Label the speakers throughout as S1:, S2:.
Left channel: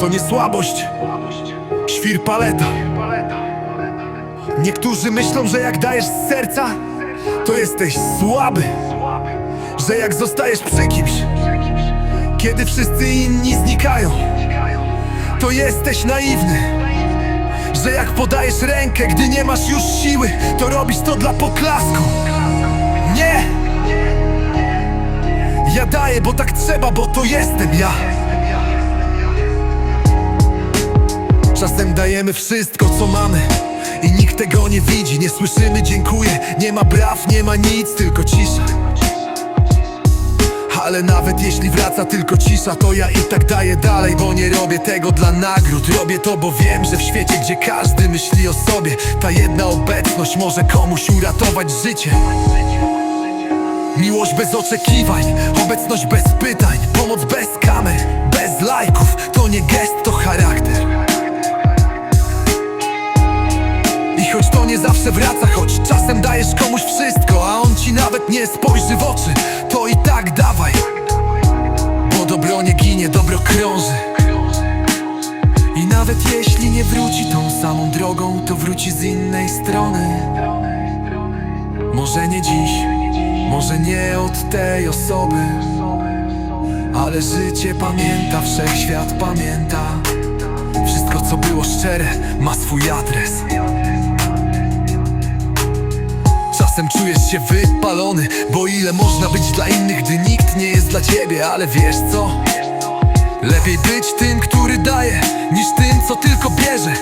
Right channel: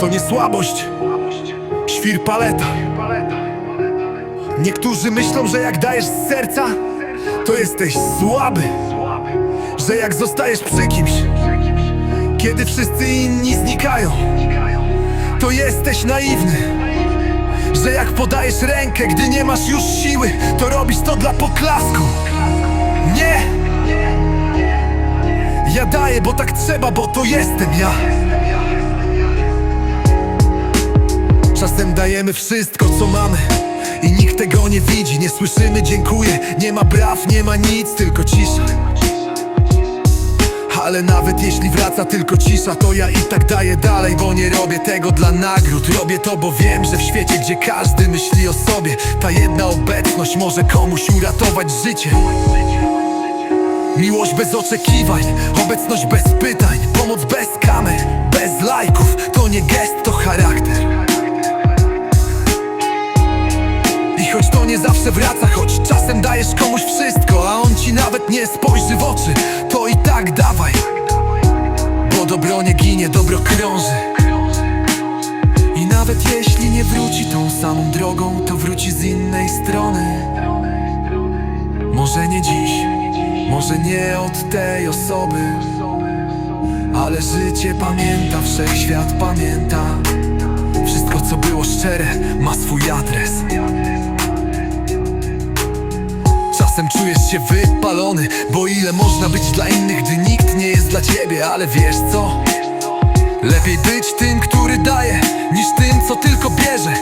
S1: to nie słabość, świr paleta. Niektórzy myślą, że jak dajesz z serca, to jesteś słaby. Że jak zostajesz przy kimś, kiedy wszyscy inni znikają, to jesteś naiwny. Że jak podajesz rękę, gdy nie masz już siły, to robisz to dla poklasku. Nie! Ja daję, bo tak trzeba, bo to jestem ja. Czasem dajemy wszystko, co mamy I nikt tego nie widzi, nie słyszymy dziękuję. Nie ma braw, nie ma nic, tylko cisza. Ale nawet jeśli wraca tylko cisza To ja i tak daję dalej, bo nie robię tego dla nagród. Robię to, bo wiem, że w świecie, gdzie każdy myśli o sobie Ta jedna obecność może komuś uratować życie. Miłość bez oczekiwań, obecność bez pytań Pomoc bez kamer, bez lajków. To nie gest, to charakter choć to nie zawsze wraca, choć czasem dajesz komuś wszystko A on ci nawet nie spojrzy w oczy To i tak dawaj. Bo dobro nie ginie, dobro krąży. I nawet jeśli nie wróci tą samą drogą To wróci z innej strony. Może nie dziś, może nie od tej osoby Ale życie pamięta, wszechświat pamięta. Wszystko co było szczere ma swój adres Czasem czujesz się wypalony Bo ile można być dla innych, gdy nikt nie jest dla ciebie Ale wiesz co? Lepiej być tym, który daje Niż tym, co tylko bierze.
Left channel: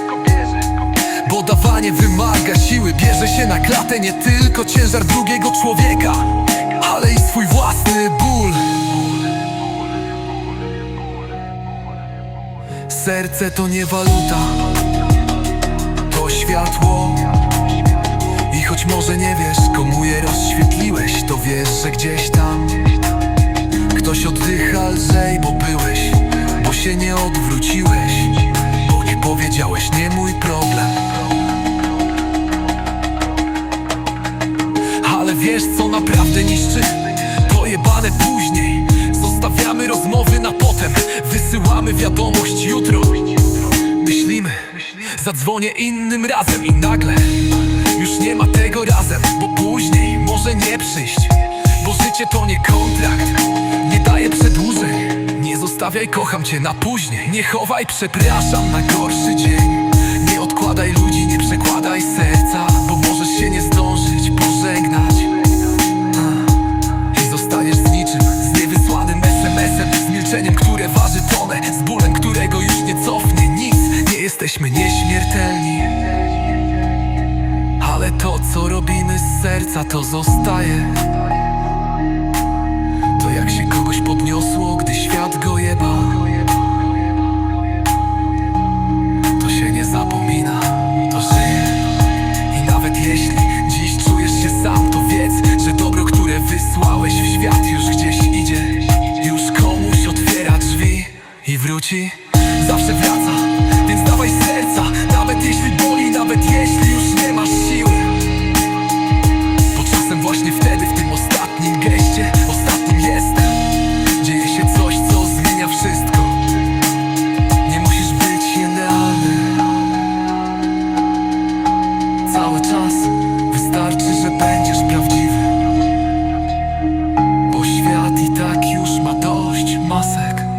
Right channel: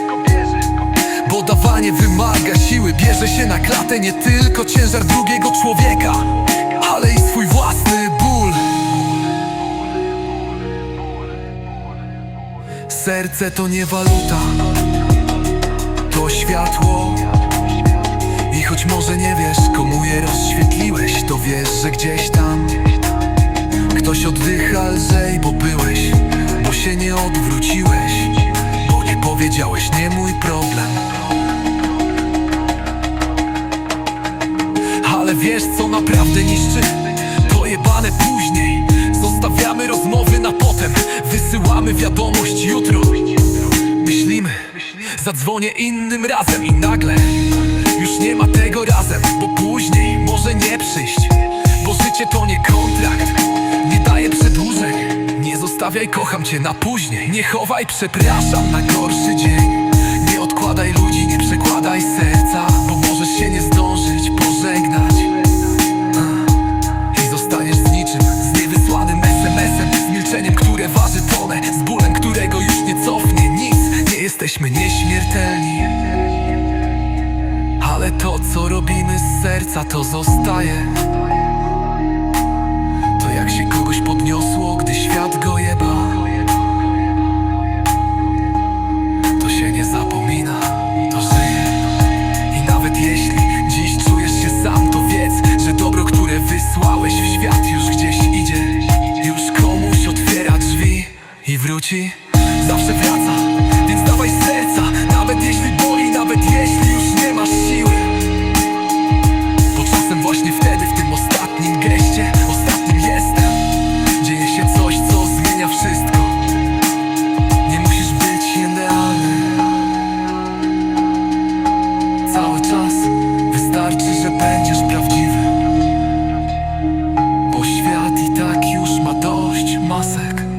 S1: Bo dawanie wymaga siły Bierze się na klatę nie tylko ciężar drugiego człowieka Ale i swój własny ból. Serce to nie waluta To światło i choć może nie wiesz, komu je rozświetliłeś To wiesz, że gdzieś tam Ktoś oddycha lżej, bo byłeś Bo się nie odwróciłeś Bo nie powiedziałeś, nie mój problem. Ale wiesz co naprawdę niszczy? To jebane później. Zostawiamy rozmowy na potem. Wysyłamy wiadomość jutro. Myślimy, zadzwonię innym razem i nagle już nie ma tego razem, bo później może nie przyjść. Bo życie to nie kontrakt, nie daje przedłużeń. Nie zostawiaj, kocham cię na później. Nie chowaj, przepraszam na gorszy dzień. Nie odkładaj ludzi, nie przekładaj serca Bo możesz się nie zdążyć pożegnać. I zostaniesz z niczym, z niewysłanym SMS-em Z milczeniem, które waży tonę Z bólem, którego już nie cofnie. Nic Nie jesteśmy nieśmiertelni ale to, co robimy z serca, to zostaje. To jak się kogoś podniosło, gdy świat go jebał. To się nie zapomina, to żyje. I nawet jeśli dziś czujesz się sam, to wiedz Że dobro, które wysłałeś w świat już gdzieś idzie. Już komuś otwiera drzwi i wróci. Zawsze wraca, więc dawaj z serca Nawet jeśli boli, nawet jeśli już nie masz siły. Bo czasem właśnie wtedy, w tym ostatnim geście Ostatnim jestem. Dzieje się coś, co zmienia wszystko. Nie musisz być idealny. Cały czas wystarczy, że będziesz prawdziwy. Bo świat i tak już ma dość masek